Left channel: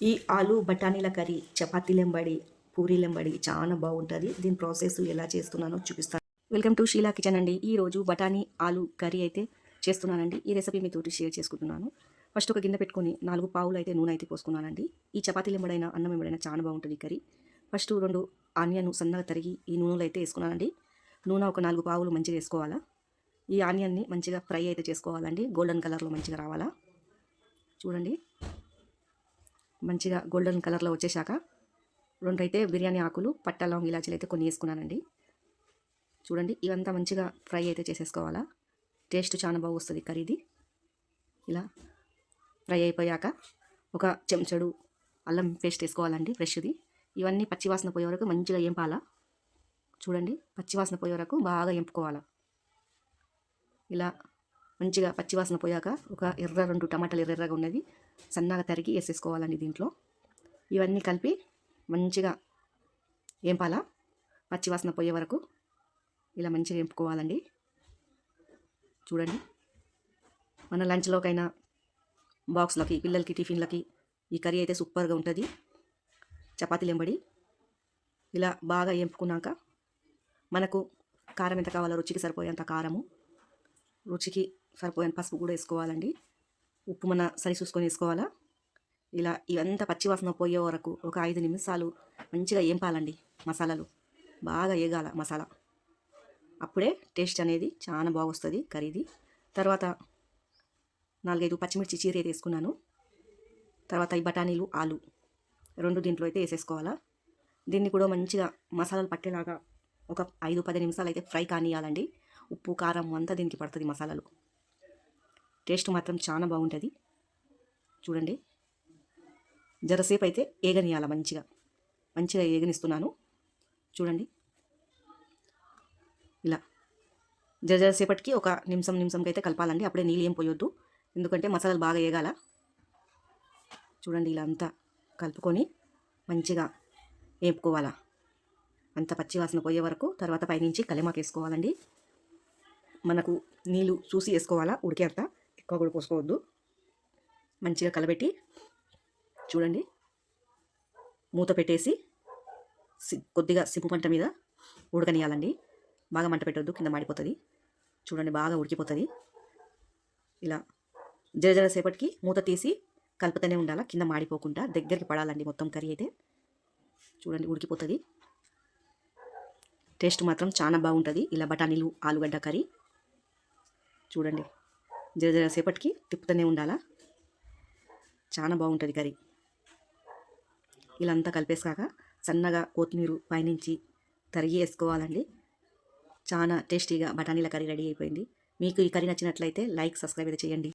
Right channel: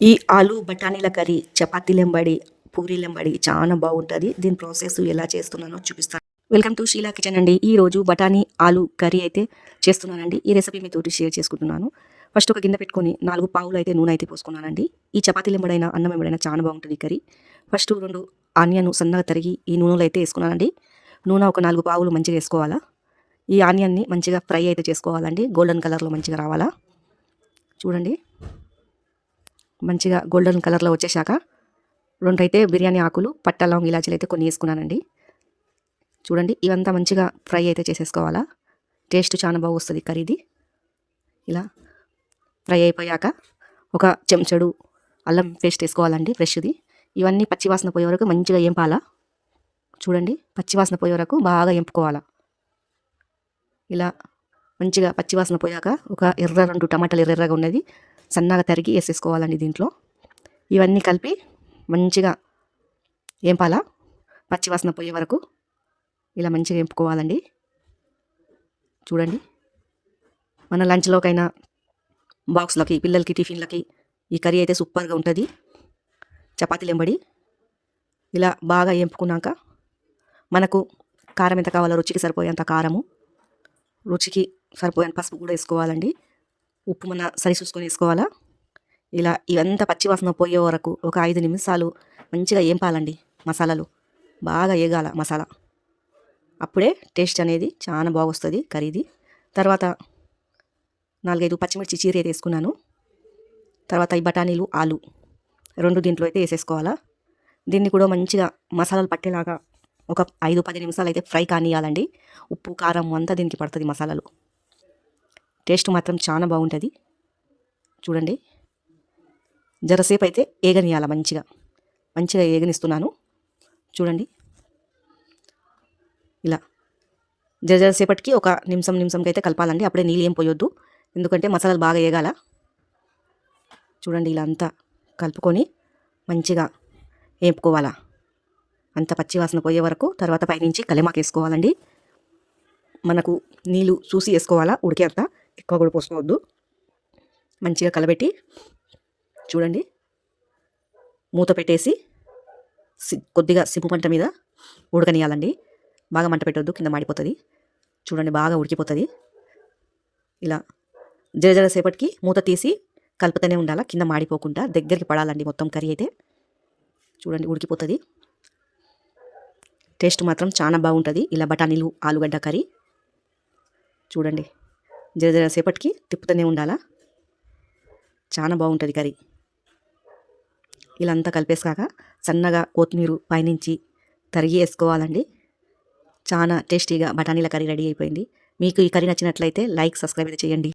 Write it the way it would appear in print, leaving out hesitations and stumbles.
ఈ ఆలు బఠానీల కర్రీ చపాతీలెంబడి, పూరీలెంబడి చాలా బాగుంటుంది. దీని ప్రాసెస్ ఎలా చేస్తున్నానో చూపిస్తాను. వెల్కమ్ టు షీలా కిచెన్ అండి. ఈరోజు బఠానీ ఆలు కర్రీ అయితే చేస్తున్నానండి. ఈ రెసిపీ మీతోటి షేర్ చేసుకుంటున్నాను. ఫస్ట్ ఒక గిన్నె పెట్టుకొని 4 పావులు అయితే నూనె అయితే పోసుకున్నానండి. ఈ చపాతీలెంబడైనా అన్నం ఎంబడైనా చాలా బాగుంటుంది ఈ కర్రీ. ఫస్ట్ 2 ఆనియన్ సన్నగా తరిగి ఈ నూనెలో అయితే వేసుకున్నానండి. నూనె ఒక 4 పావులు మంచిగా వేసుకోవాలా. ఈ ఆనియన్ని మంచిగా ఫ్రై అయితే చేసుకోవాలండి. గోల్డెన్ కలర్లో మంచిగా రావాలా. చూడండి, మంచిగా గోల్డెన్ కలర్లో వచ్చేసాక 2 అయితే బిర్యానీ ఆకులు, పట్టా, లవంగ, ఇలాచీలు అయితే కొన్ని వేసుకున్నానండి. చూడండి, ఇవంతా మంచిగా ఫ్రై అయితే చేసేసుకోవాలా. టేస్ట్ చాలా బాగా వస్తుంది కర్రీది. ఇలా ఫ్రై అయిపోయాక ఒక చెంచడు అల్లం పేస్ట్ వేసుకోవాలండి, ఫ్రెష్ది. ఇవన్నీ పచ్చివాసన పోయే వరకు మంచిగా ఏంపాలా. చూడండి, పచ్చివాసన పోయే వరకు బాగా ఎంపుకోవాలా. ఇలా మంచిగా పచ్చివాసన పోయాక ఒక 2 టమాటాలు ఎర్రగా ఉన్నది సన్నగా తరిగి వేసేసుకోవాలండి దీంట్లో. ఇవన్నీ కలిపి మంచిగా ఏంపాలా, పచ్చివాసన పోయే వరకు ఇలా మంచిగా ఎంపుకోవాలండి. చూడండి, మన లంచ్లోకైనా బాక్స్లోకి, పిల్లలకి టిఫిన్లకి ఈ కర్రీ అయితే సూపర్గా ఉంటుంది. చపాతీలెంబడి ఇలా బాగా ఎంపుకున్నాక మనకు కారం ఎంత కావాలో రుచికి సరిపోయేంత కారము, రుచికి సరిపోయేంత పసుపు కూడా వేసుకోవాలండి. ఉప్పు మన సరి చూసుకొని వేసుకోవాలా. ఇలా ఇవంతా పచ్చివాసన పోయే వరకు ఒక 5 నిమిషాలు మంచిగా ఏంపాలండి. మసాలాలు బాగా ఏగాల మసాలా, అప్పుడే టేస్ట్ అనేది చాలా బాగొస్తుంది కర్రీది. తర్వాత 4-5 పచ్చిమిర్చి చీర అయితే వేసుకున్నాను. తర్వాత ఈ బఠానీలు, ఆలు 2 దీంట్లో అయితే వేసేసుకోవాలా. దీన్ని కూడా మంచిగా మసాలాలు పట్టేలాగా ఒక 5-10 నిమిషాలు అయితే ఫ్రై కానియాలండి. ఉప్పు కారం అంతా దీనికి పడుతుంది మసాలాలు. టేస్ట్ మాత్రం చాలా బాగుంటుంది. చూడండి, జరసేపు అయితే ఏగనియాల, మంచిగా మంచిగా ఏగనిస్తున్నాను. చూడండి, ఇలా జరసేపటికి ఒక నిమిషంకి అయితే కలపాలండి. అప్పుడే నీళ్ళు ఏం పోయొద్దు, ఎందుకంటే మసాలాలు బాగా ఏగాల. చూడండి, ఇలా అంతా కలుపుకొని మంచిగా వేపుకోవాలా, అంత పచ్చివాసన పోయే వరకు. తర్వాత పైనుంచి కలెమాకు వేసుకోవాలండి. మనకు నీళ్ళు చూసి వేసుకోవాలా, ఉడికేంత ఎక్కువ కూడా పోసుకోవద్దు. మంచిగా కలబెట్టి చూడండి, మూత పెట్టేసి కొద్దిగా సిమ్ము మంట మీద ఉడకనియాలండి. బాగా మంట పెట్టొద్దు, కింద మాడిపోతుంది. చూడండి, బాగా ఉడికిపోతుంది. ఇలా జరసేపటికి మూత తీసి కలుపుతూనే ఉండాలి, కింద మాడిపోకుండా దగ్గరికి పడాలండి మొత్తం కర్రీ అయితే. చూడండి, ఉడికిపోతుంది. టేస్ట్ మాత్రం చాలా బాగుంటుంది ఇలా బఠానీలు ఆలుగడ్డ కర్రీ. చూడండి, జరసేపటికి తిప్పుతూనే ఉండాలా, చాలా బాగుంటుంది కర్రీ. ఇలా అంతా కలిపేసాక సన్నగా కొత్తిమీర పైనుంచి తరిగి వేసుకోవాలండి. చాలా టేస్టీగా బఠానీల కర్రీ రెడీ అయిపోయింది. మీకు ఈ కర్రీ నచ్చినట్లయితే లైక్, సబ్స్క్రైబ్ అయితే చేయండి.